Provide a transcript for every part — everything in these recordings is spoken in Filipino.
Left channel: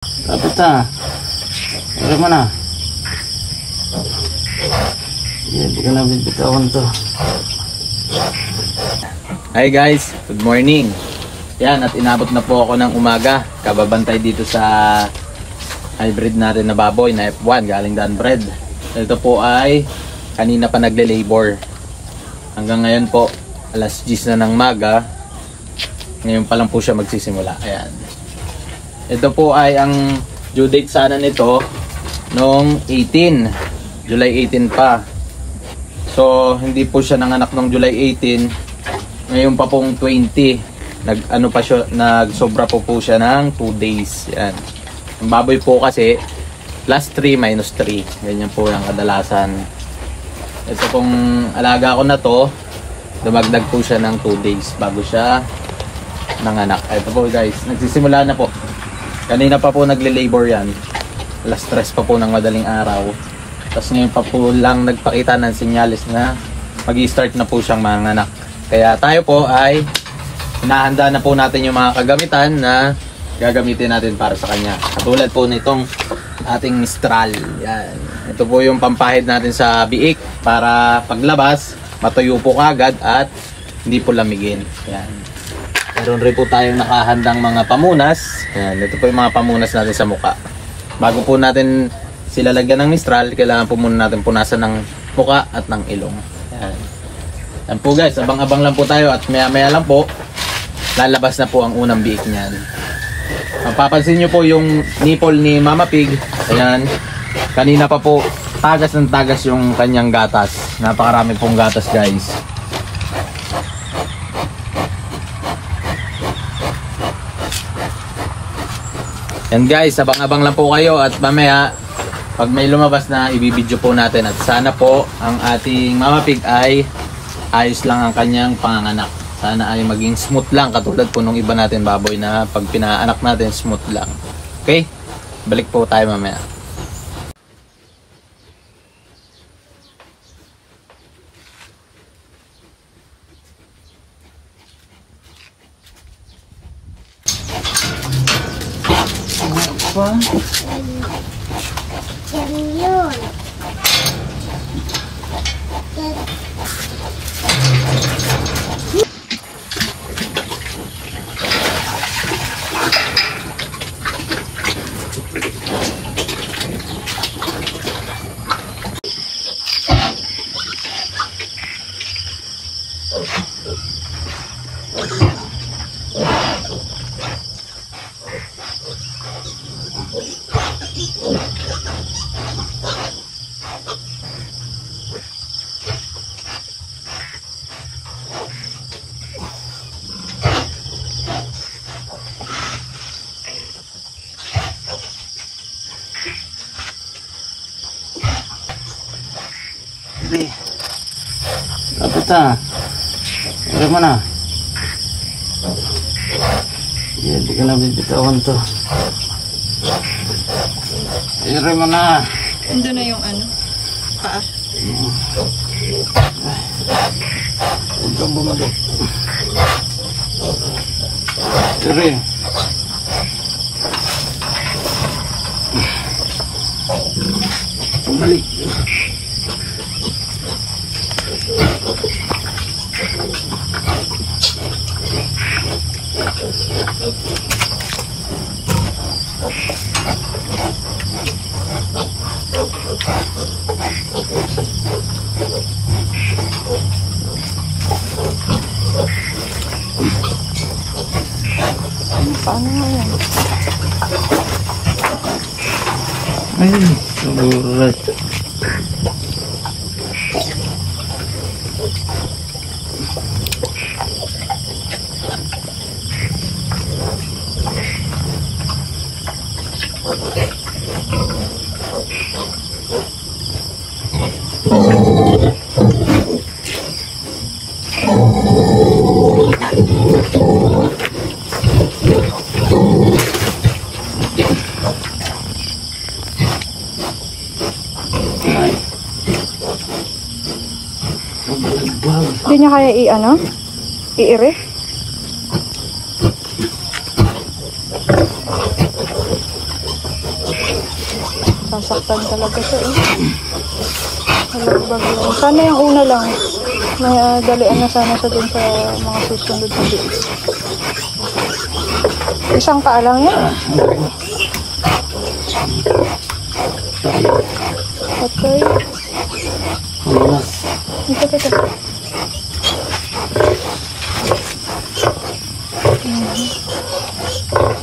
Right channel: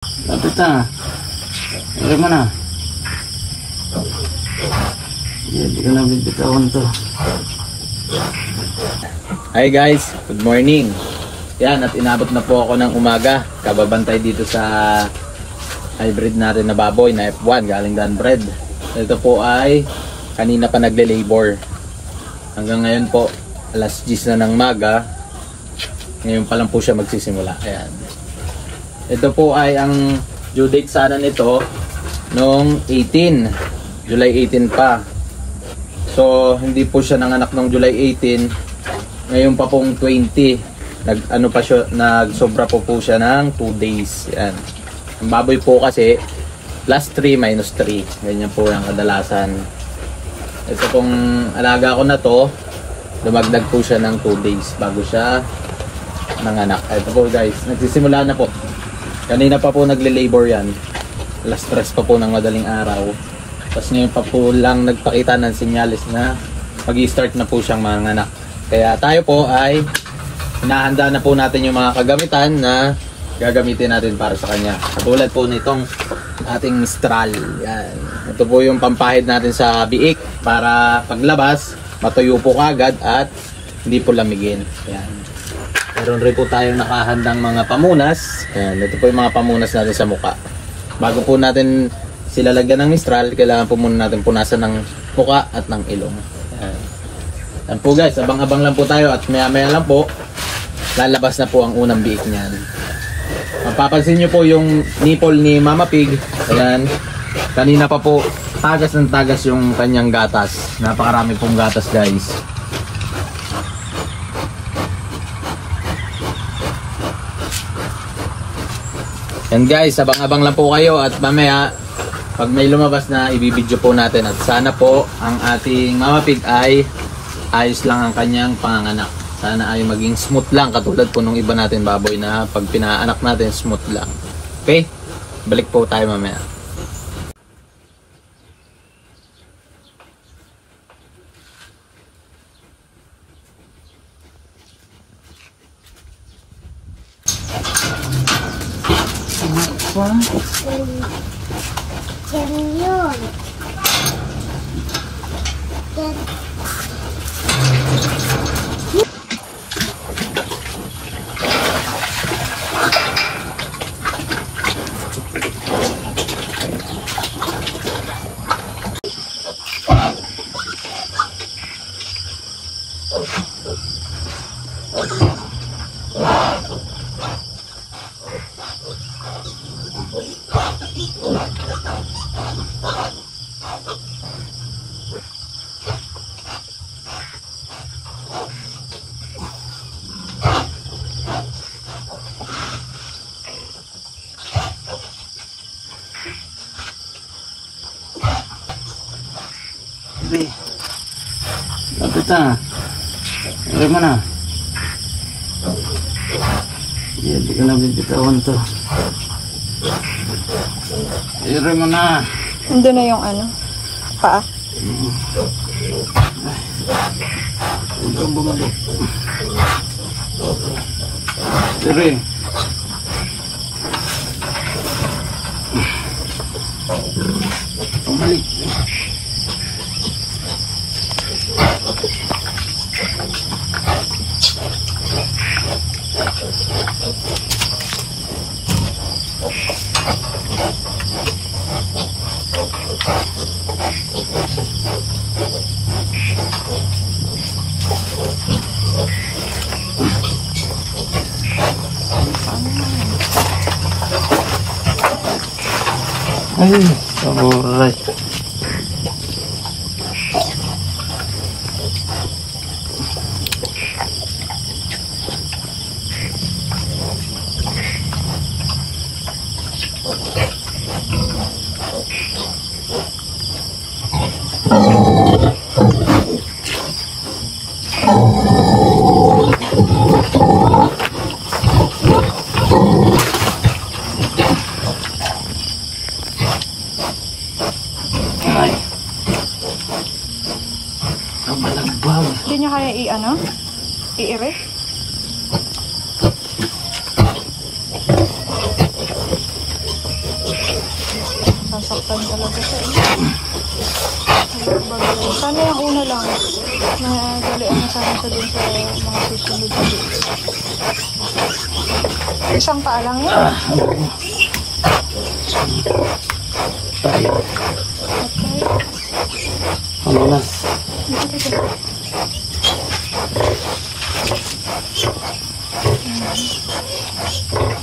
Lapit na. Ere mo na. Hindi ko na bibitawan to. Hi guys, good morning. Yan, at inabot na po ako ng umaga. Kababantay dito sa hybrid natin na baboy na F1 galing Dan Bread. Ito po ay kanina pa nagle-labor. Hanggang ngayon po, alas 10 na ng maga. Ngayon pa lang po siya magsisimula. Ayan. Ito po ay ang due date sana nito noong 18. July 18 pa. So, hindi po siya nanganak noong July 18. Ngayon pa pong 20. Nagsobra po siya ng 2 days. Yan. Ang baboy po kasi plus 3 minus 3. Ganyan po yung kadalasan. Ito pong alaga ko na to, dumagdag po siya ng 2 days bago siya nanganak. Ito po guys, nagsisimula na po. Kanina pa po nagle-labor yan. Alas 3 pa po ng madaling araw. Tapos ngayon pa po lang nagpakita ng sinyalis na mag-i-start na po siyang manganak. Kaya tayo po ay hinahanda na po natin yung mga kagamitan na gagamitin natin para sa kanya. Katulad po nitong ating Mistral. Yan. Ito po yung pampahid natin sa biik para paglabas, matuyo po kagad at hindi po lamigin. Yan. Meron rin po tayong nakahandang mga pamunas. Yan. Ito po yung mga pamunas natin sa muka. Bago po natin sila lagyan ng Mistral, kailangan po muna natin punasan ng muka at ng ilong. Yan. Yan po guys, abang-abang lang po tayo at maya-maya lang po lalabas na po ang unang biik niyan. Mapapansin nyo po yung nipple ni Mama Pig. Ayan, kanina pa po tagas ng tagas yung kanyang gatas. Napakarami pong gatas guys. Yan guys, abang-abang lang po kayo at mamaya pag may lumabas na ibibidyo po natin. At sana po ang ating Mama Pig ay ayos lang ang kanyang panganganak. Sana ay maging smooth lang katulad po nung iba natin baboy na pag pinaanak natin smooth lang. Okay? Balik po tayo mamaya. Lapit na. Ere mo na. Hindi ko na bibitawan to. Ere mo na. Nandun na yung ano, paa. Huwag kang bumalik. Ere. Bumalik. Ay, alright. Hindi niya kaya i-ano? I-iris? nasasaktan talaga siya. Sana yung una lang. Dalian na sana siya dun sa mga susunod. Isang paa lang yan. Okay. Ano na? Ito.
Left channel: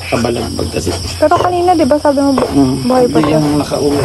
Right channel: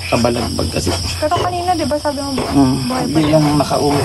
Kabalagbag kasi. Pero kanina, di ba sabi mo, buhay pa Hindi siya? yan nakaumi.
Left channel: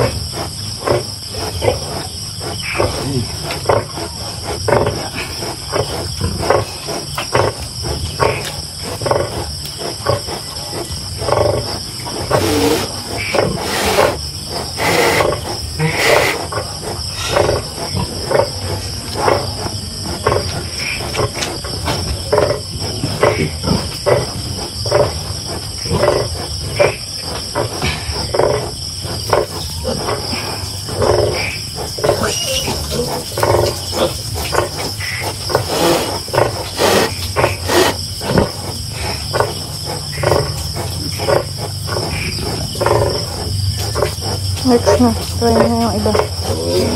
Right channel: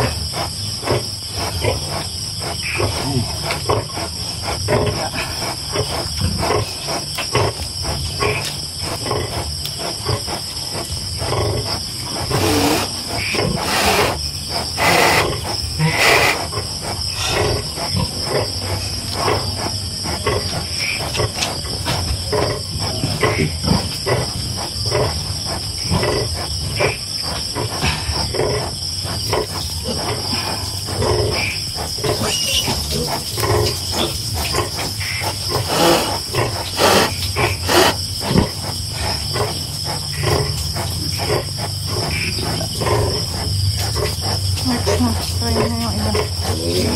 Next na. Try na yung iba.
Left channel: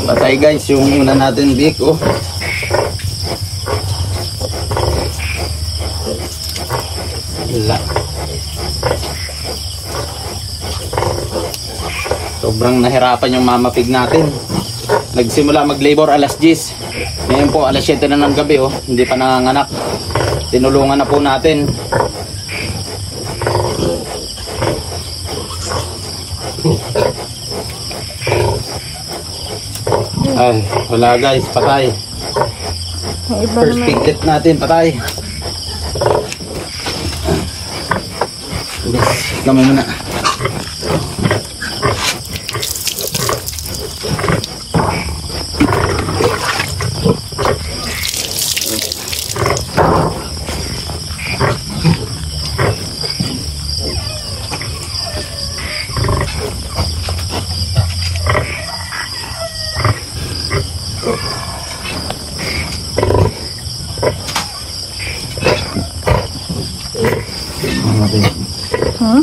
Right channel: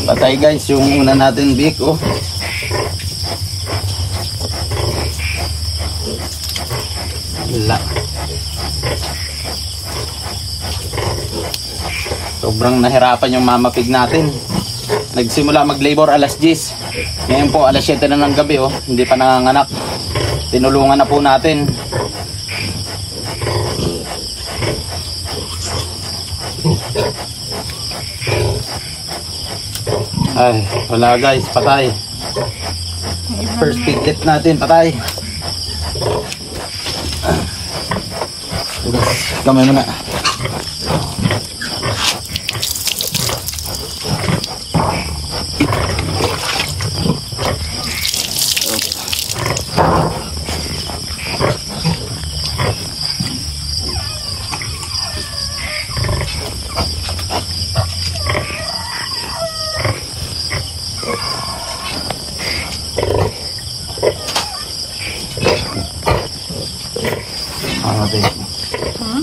Patay guys, yung una natin big, oh. Wala. Sobrang nahirapan yung mama pig natin. Nagsimula mag-labor alas 10. Ngayon po alas 7 na ng gabi, oh. Hindi pa nanganganak. Tinulungan na po natin. Ay, wala guys, patay. Yung iba First naman. piglet natin, patay. Kamay mo na. Hmm?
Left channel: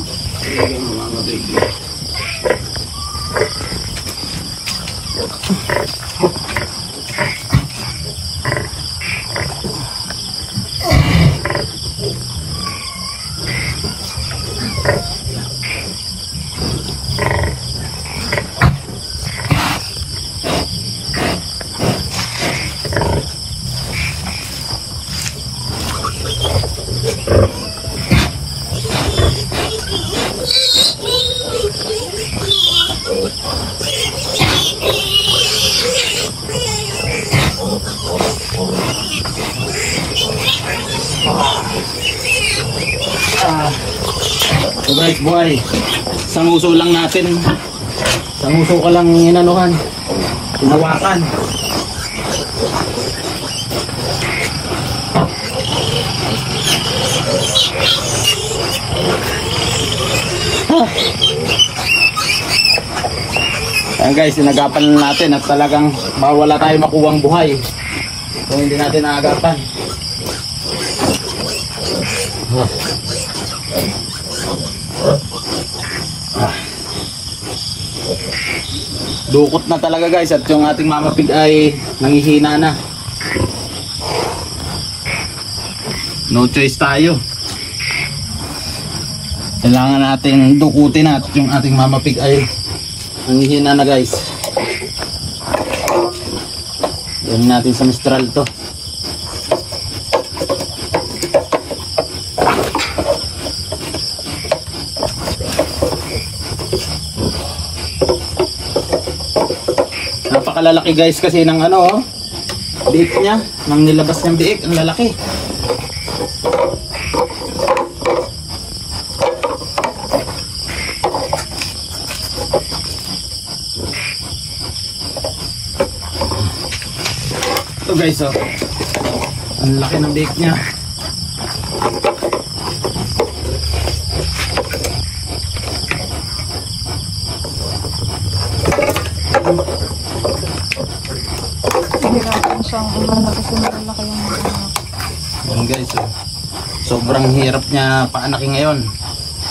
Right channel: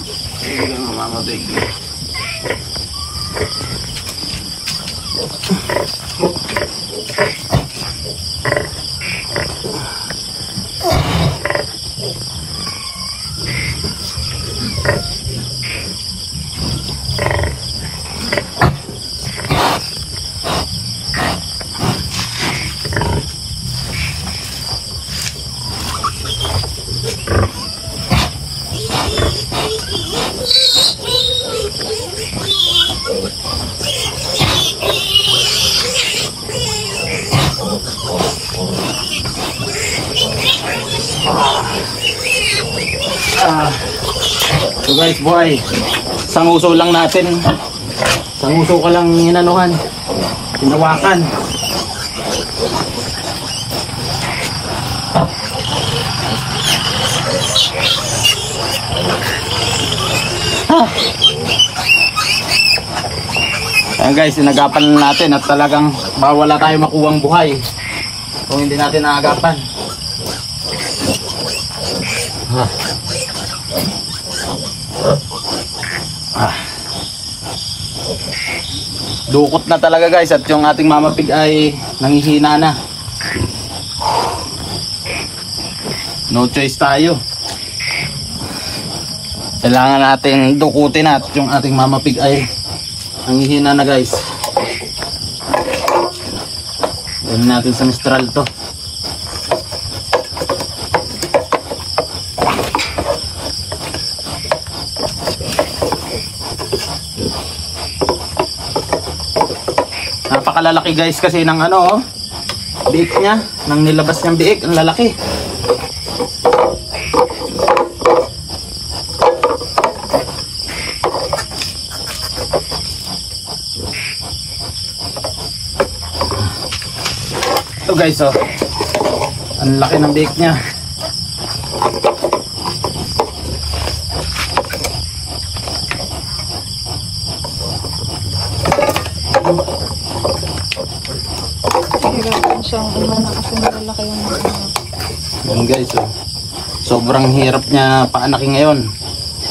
So guys, buhay. Sanguso lang natin. Sanguso ka lang inanuhan. Sinawakan. Ayan guys, sinagapan natin at talagang bawala tayo makuwang buhay kung hindi natin naagapan. Dukot na talaga guys at yung ating mama pig ay nangihina na. No choice tayo. Kailangan natin dukutin at yung ating mama pig ay nangihina na guys. Gawin natin sa mistral to. Napakalalaki guys kasi ng ano, biik niya, nang nilabas niyang biik, ang lalaki. Ito guys, oh, ang laki ng biik niya. Hirapan siyang umana kasi malaki yung mga. Yan guys, oh. Sobrang hirap niya paanaki ngayon.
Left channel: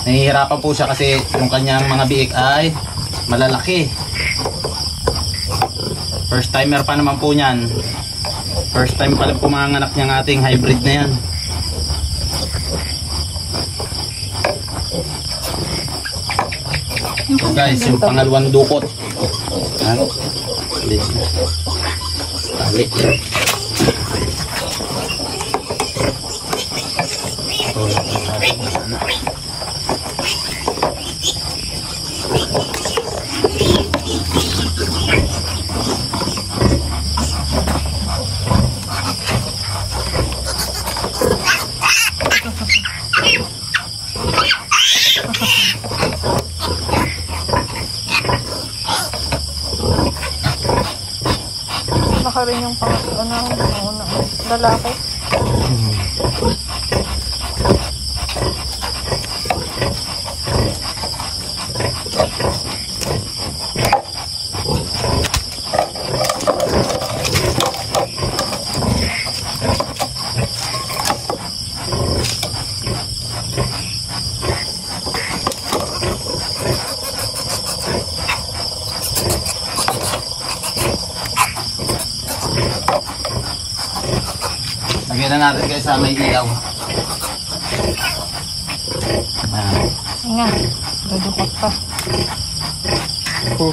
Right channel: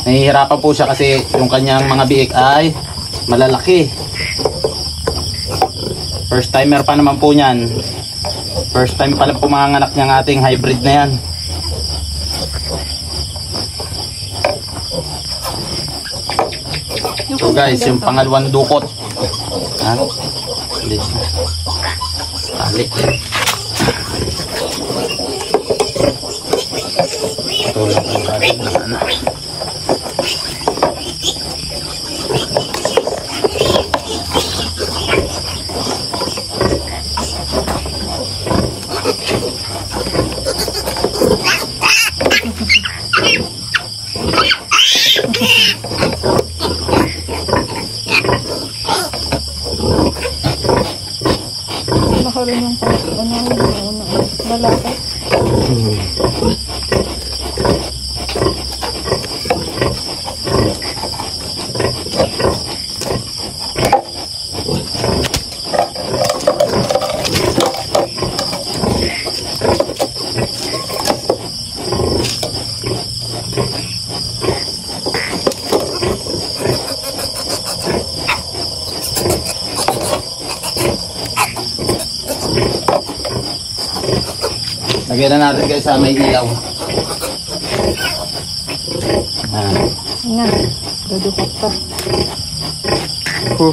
Nahihirapan po siya kasi yung kanyang mga biik ay malalaki. First timer pa naman po niyan. First time pala pumanganak niyang ating hybrid na yan. So guys, yung pangalawang dukot. Ha? Tali. Tulad ng ating anak. Baka rin yung lalaki. Lagyan na natin guys sa may ilaw. Nga, dudukot pa. Ito.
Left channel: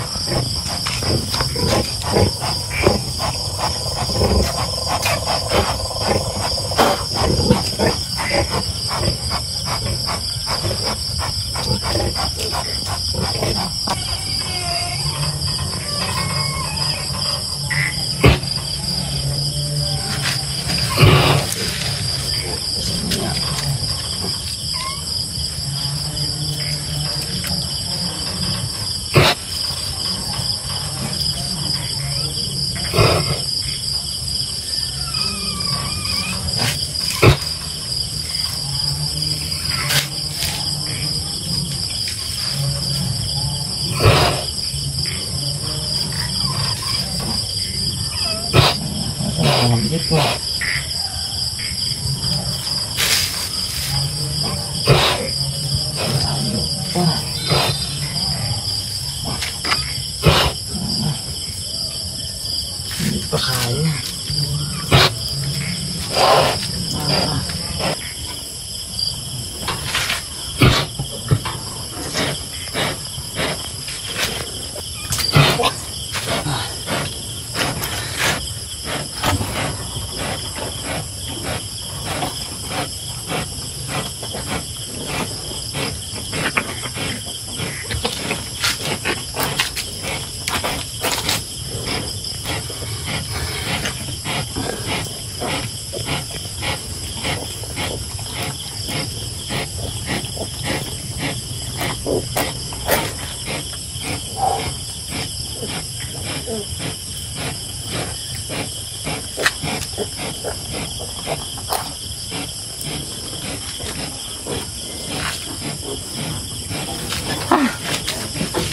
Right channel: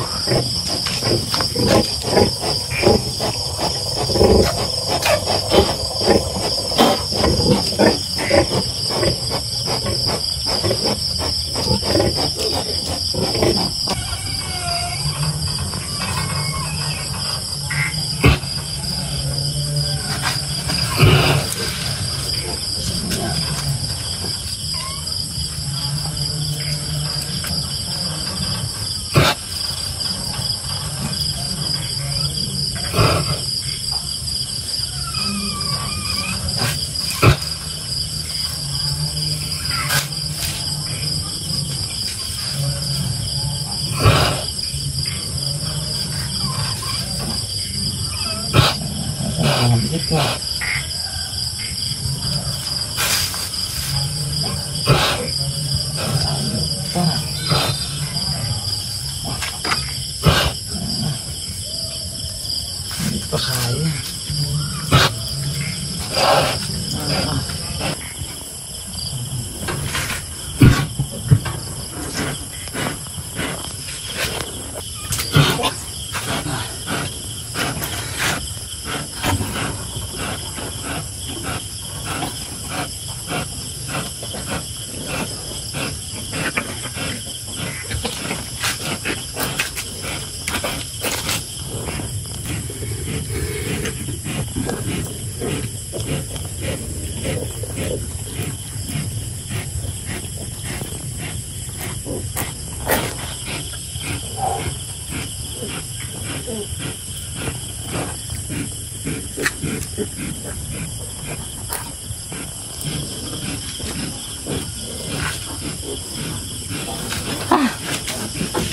Hindi pa kaya.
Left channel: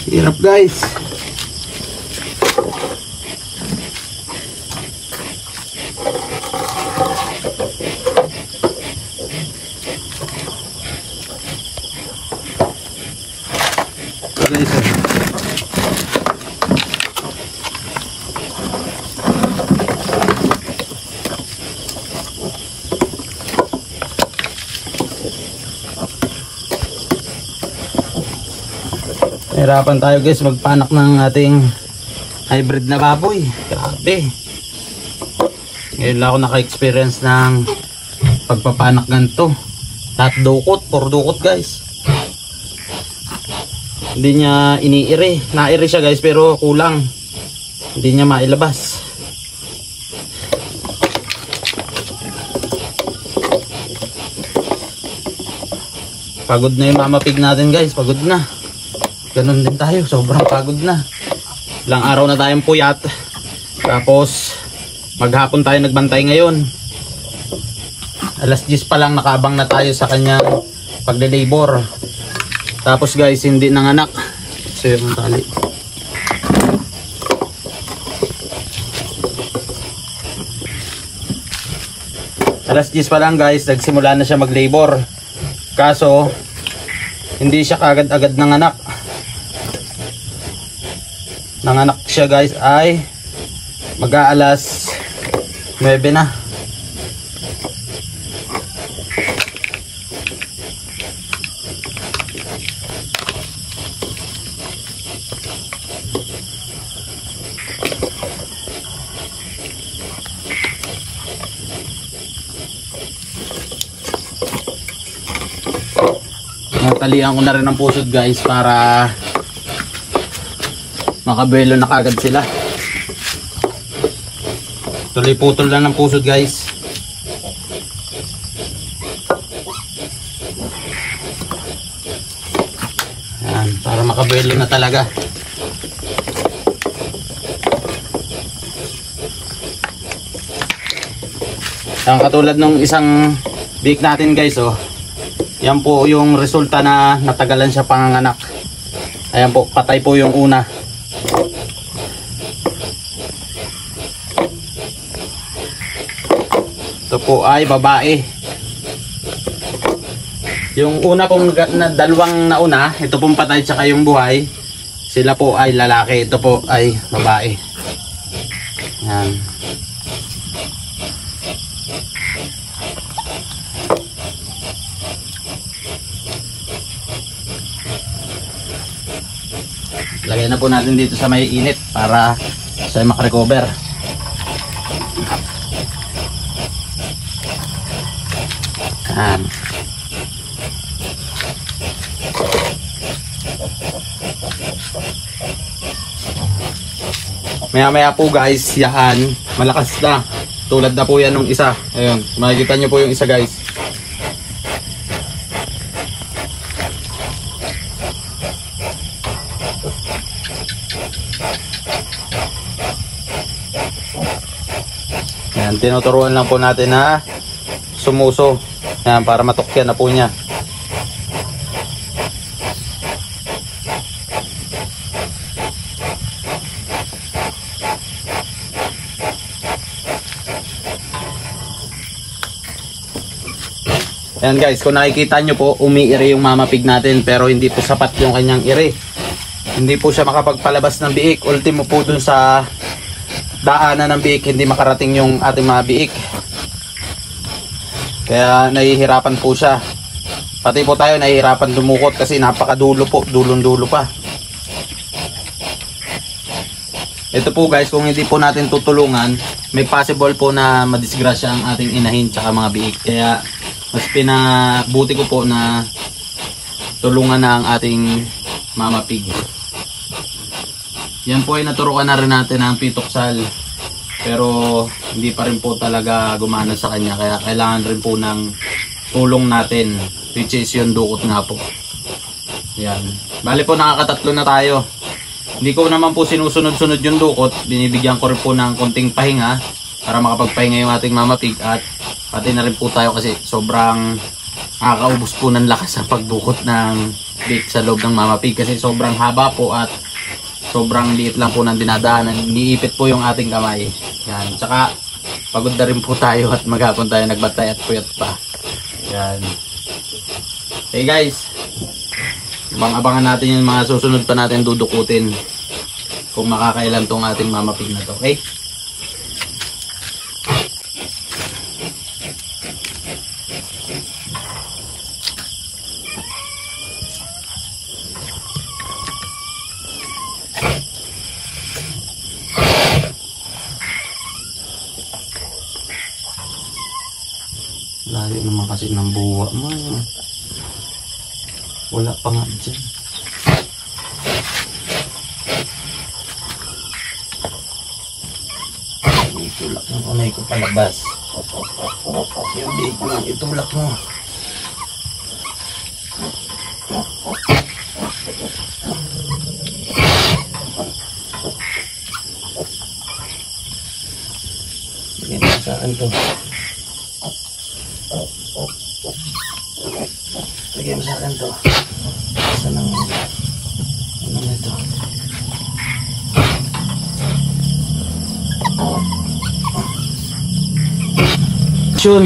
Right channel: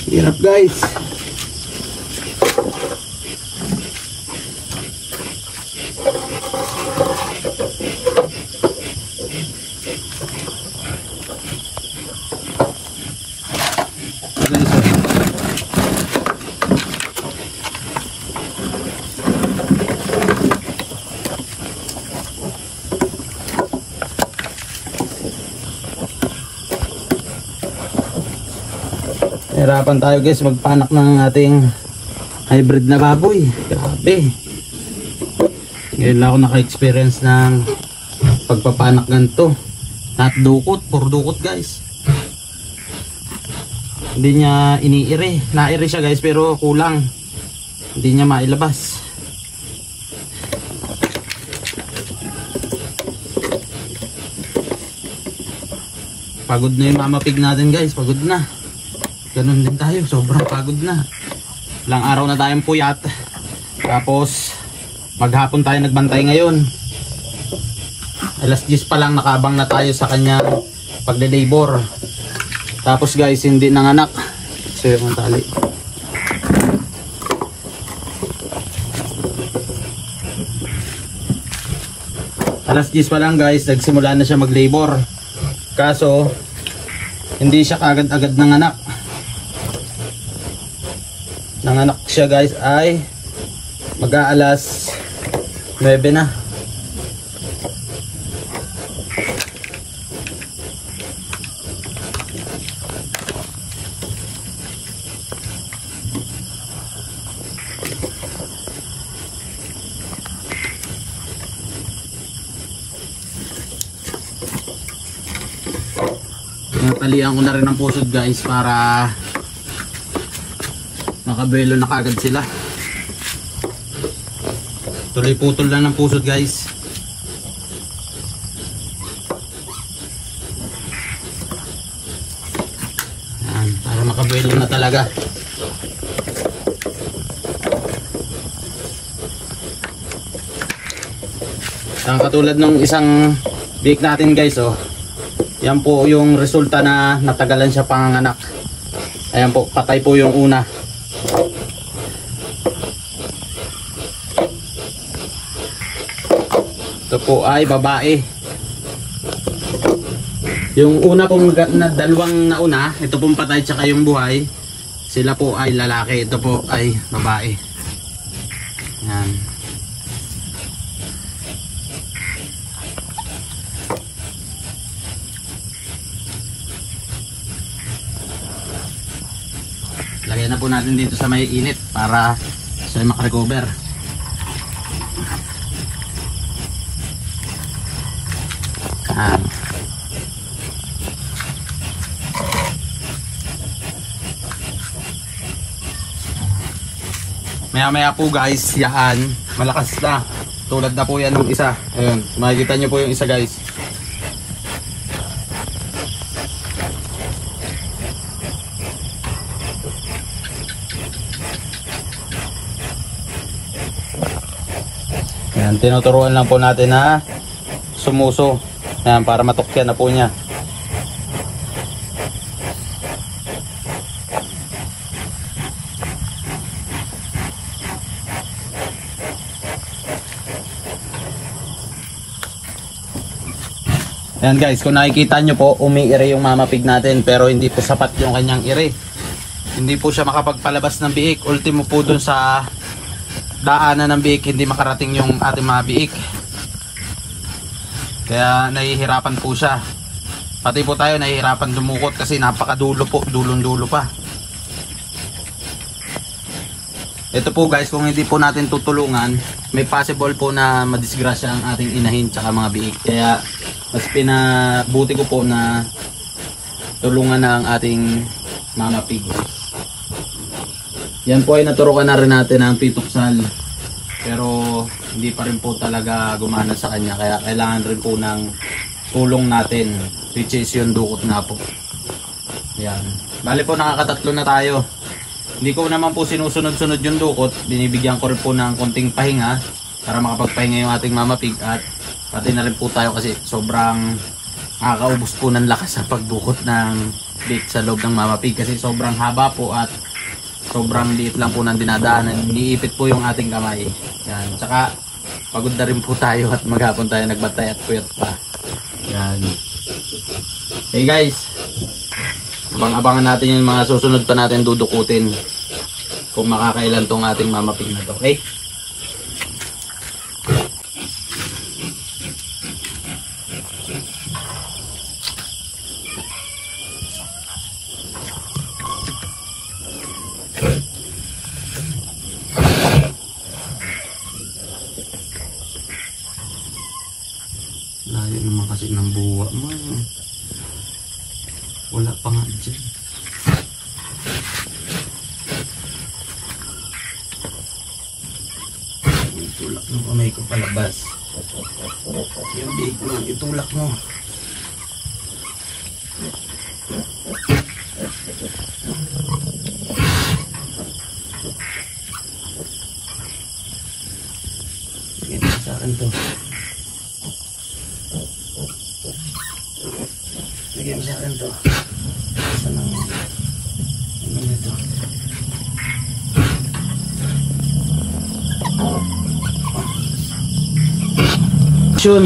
Hirap guys. Hirapan tayo guys magpanak ng ating hybrid na baboy. Grabe. Ngayon lang ako naka-experience ng pagpapanak ganito. Lahat dukot, puro dukot guys. Hindi niya iniire. Naire siya guys pero kulang. Hindi niya mailabas. Pagod na yung mama pig natin guys. Pagod na. Ganun din tayo, sobrang pagod na. Ilang araw na tayong puyat. Tapos maghapon tayo nagbantay ngayon. Alas 10 pa lang nakaabang na tayo sa kanyang pagde-labor. Tapos guys, hindi nanganak. So yung tali. Alas 10 pa lang guys, nagsimula na siya mag-labor. Kaso hindi siya kagad-agad nanganak. Nanganak siya guys ay Mag-aalas 9 na. Natalian ko na rin ang pusod guys para makabelo na kagad sila. Tuloy-putol lang ng pusod guys. Yan, para makabelo na talaga. Ang katulad ng isang biik natin guys, oh. Yan po yung resulta na natagalan siya panganganak. Ayan po, patay po yung una. Ito po ay babae. Yung una pong na dalawang nauna, ito pong patay tsaka yung buhay, sila po ay lalaki, ito po ay babae. Yan. Lagay na po natin dito sa may init para siya makarecover. Yan. Maya po guys, yan malakas na. Tulad na po yan ng isa. Ayun, makikita nyo po yung isa guys. Yan, tinuturuan lang po natin na sumuso. Yan, para matukyan na po niya. Yan guys, kung nakikita nyo po, umiire yung mama pig natin pero hindi po sapat yung kanyang ire. Hindi po siya makapagpalabas ng biik. Ultimo po dun sa daanan ng biik, hindi makarating yung ating mga biik. Kaya nahihirapan po siya. Pati po tayo nahihirapan dumukot kasi napakadulo po, dulong-dulo pa. Ito po guys, kung hindi po natin tutulungan, may possible po na madisgrasya ang ating inahin tsaka mga biik. Kaya mas pinabuti ko po na tulungan na ang ating mama pig. Yan po ay naturukan na rin natin ang pituksal, pero hindi pa rin po talaga gumana sa kanya, kaya kailangan rin po ng tulong natin, which is yung dukot nga po. Yan, bali po nakakatatlo na tayo. Hindi ko naman po sinusunod-sunod yung dukot, binibigyan ko rin po ng konting pahinga para makapagpahinga yung ating mama pig, at pati na rin po tayo kasi sobrang nakakaubos po ng lakas sa pagdukot ng bait sa loob ng mama pig kasi sobrang haba po at sobrang liit lang po ng dinadaanan. Iniipit po yung ating kamay. Yan. Tsaka pagod na rin po tayo at maghapon tayo nagbantay at puyat pa. Yan. Hey guys, abang-abangan natin yung mga susunod pa natin dudukutin kung makakailan tong ating mama pig na to. Okay? Layo naman kasi ng buwa mo. Wala pa nga dyan. Itulak ng kamay ko palabas. Yung biig mo lang itulak mo. Bigyan mo sa akin to. Bigyan mo sa akin to. Saan ang ano nito? Action!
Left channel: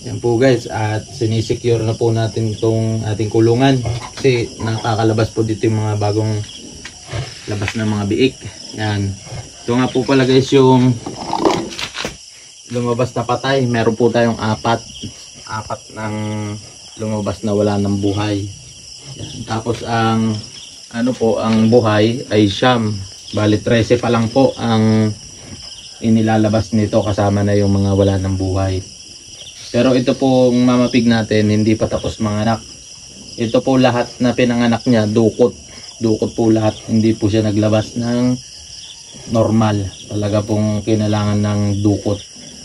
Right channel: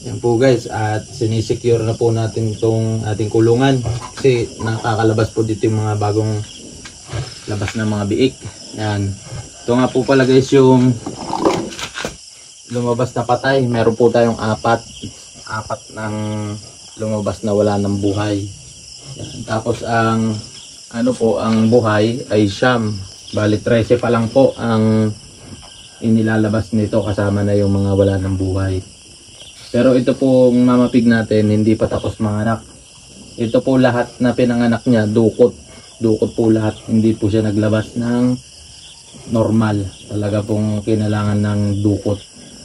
Yan po guys, at sinisecure na po natin itong ating kulungan kasi nakakalabas po dito yung mga bagong labas ng mga biik. Yan. Ito nga po pala guys yung lumabas na patay. Meron po tayong apat ng lumabas na wala ng buhay. Yan. Tapos ang ang buhay ay siyam. Bali 13 pa lang po ang inilalabas nito kasama na yung mga wala ng buhay. Pero ito pong mama pig natin hindi pa tapos manganak. Ito po lahat na pinanganak niya dukot. Dukot po lahat. Hindi po siya naglabas ng normal. Talaga pong kinailangan ng dukot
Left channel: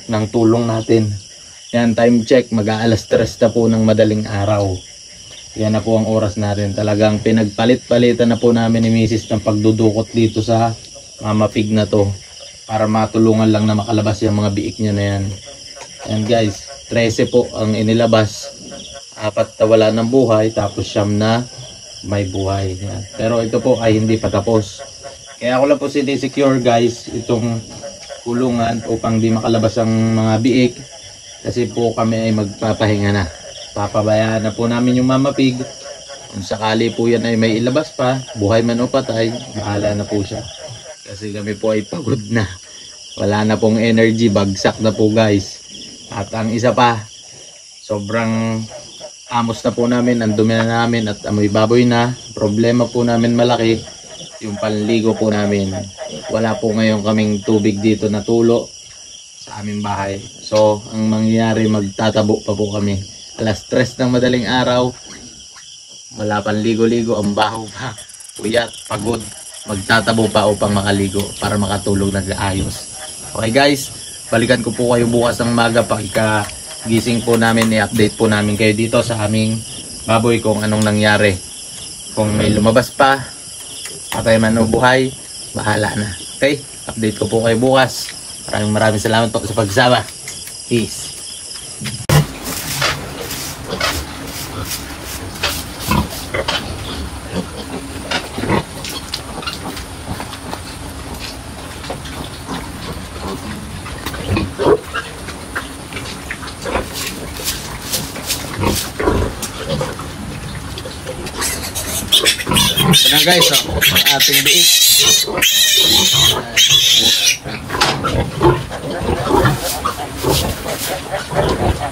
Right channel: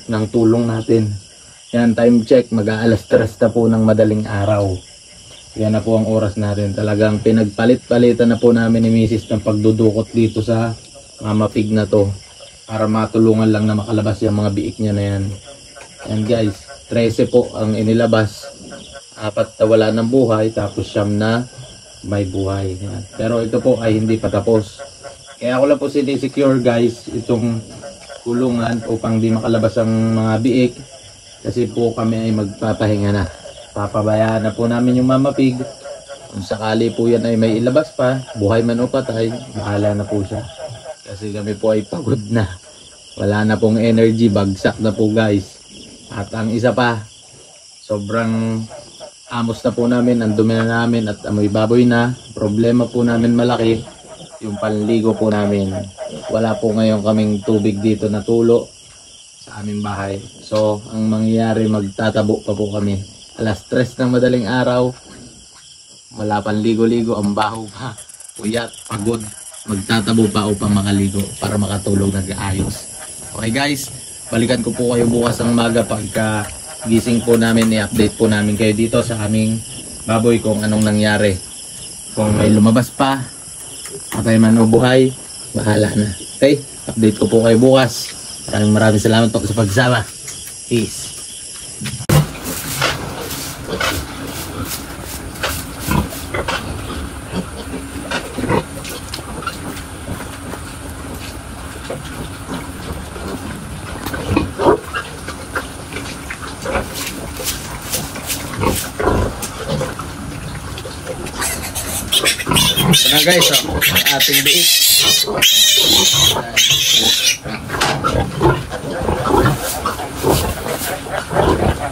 ng tulong natin. Yan, time check. Mag-aalas 3 na po ng madaling araw. Yan na po ang oras natin. Talagang pinagpalit-palitan na po namin ni Mrs. ng pagdudukot dito sa mama pig na to. Para matulungan lang na makalabas yung mga biik niya na yan. Yan guys. 13 po ang inilabas, 4 na wala ng buhay, tapos 9 na may buhay. Yan. Pero ito po ay hindi pa tapos. Kaya ako lang po sinisecure guys itong kulungan upang di makalabas ang mga biik. Kasi po kami ay magpapahinga na. Papabayaan na po namin yung mama pig. Kung sakali po yan ay may ilabas pa, buhay man o patay, bahala na po siya. Kasi kami po ay pagod na. Wala na pong energy, bagsak na po guys. At ang isa pa, sobrang amos na po namin, ang dumi na namin at amoy baboy na. Problema po namin malaki, yung panligo po namin. Wala po ngayon kaming tubig dito na tulo sa aming bahay. So, ang mangyayari, magtatabo pa po kami. Alas 3 ng madaling araw, wala pang ligo-ligo, ang baho pa, puyat, pagod. Magtatabo pa upang makaligo para makatulog na ayos. Okay guys, balikan ko po kayo bukas ang maga pagka gising po namin, i-update po namin kayo dito sa aming baboy kung anong nangyari. Kung may lumabas pa, patay man o buhay, bahala na. Okay, update ko po kayo bukas. Maraming salamat po sa pagsama. Peace. Ito na guys, ang ating biik.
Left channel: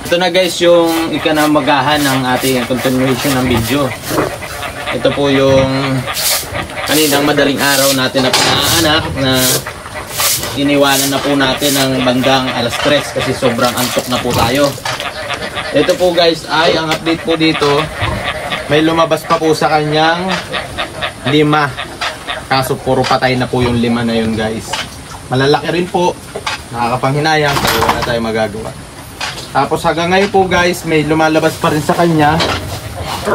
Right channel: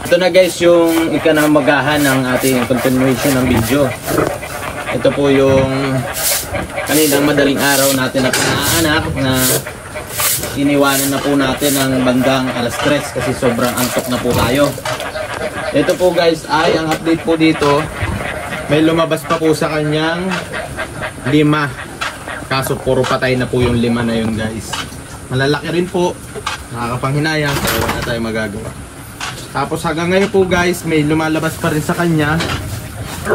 Ito na guys yung ikanamagahan ng ating continuation ng video. Ito po yung kaninang madaling araw natin na panganak na iniwanan na po natin ng bandang alas 3 kasi sobrang antok na po tayo. Ito po guys ay ang update po dito, may lumabas pa po sa kanyang 5. Kaso puro patay na po yung 5 na yun guys. Malalaki rin po, nakakapanghinayang, pero wala tayong magagawa. Tapos hanggang ngayon po guys, may lumalabas pa rin sa kanya.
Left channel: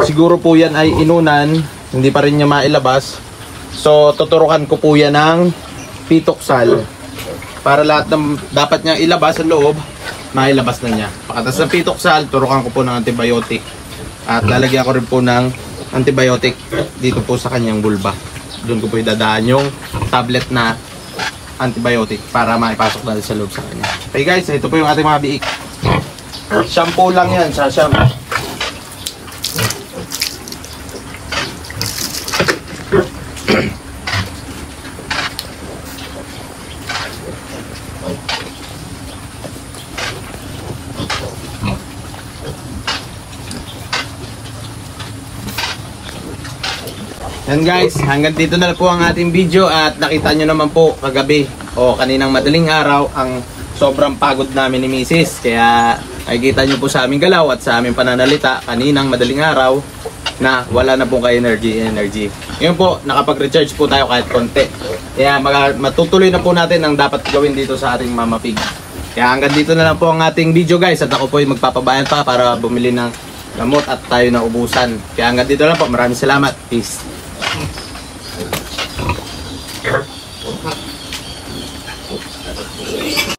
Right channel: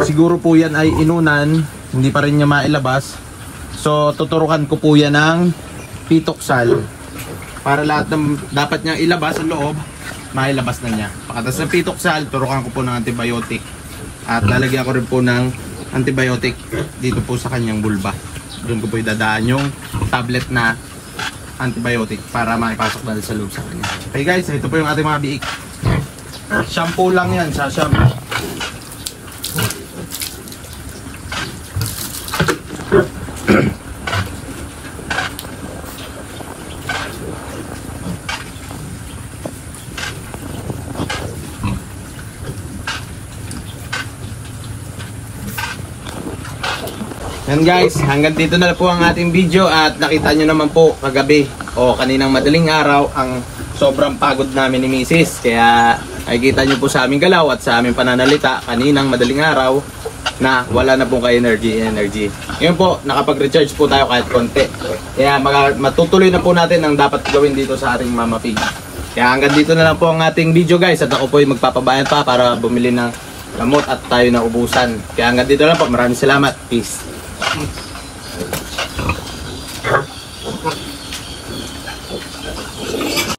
Siguro po yan ay inunan, hindi pa rin niya mailabas. So tuturukan ko po yan ng pitoksal para lahat ng dapat niya ilabas sa loob, mailabas na niya. Pagkatapos ng pitoksal, turukan ko po ng antibiotic. At lalagyan ko rin po ng antibiotic dito po sa kanyang bulba. Doon ko po idadaan yung tablet na antibiotic para maipasok natin sa loob sa kanya. Okay guys, ito po yung ating mga biik. Shampoo lang yan, sa shampoo. Yan guys, hanggang dito na po ang ating video at nakita nyo naman po kagabi o kaninang madaling araw ang sobrang pagod namin ni Mrs. Kaya nakikita nyo po sa aming galaw at sa aming pananalita kaninang madaling araw na wala na pong ka-energy. Ngayon po, nakapag-recharge po tayo kahit konti. Kaya matutuloy na po natin ang dapat gawin dito sa ating Mama Pig. Kaya hanggang dito na lang po ang ating video guys. At ako po ay magpapabayan pa para bumili ng gamot at tayo na ubusan. Kaya hanggang dito na lang po. Maraming salamat. Peace.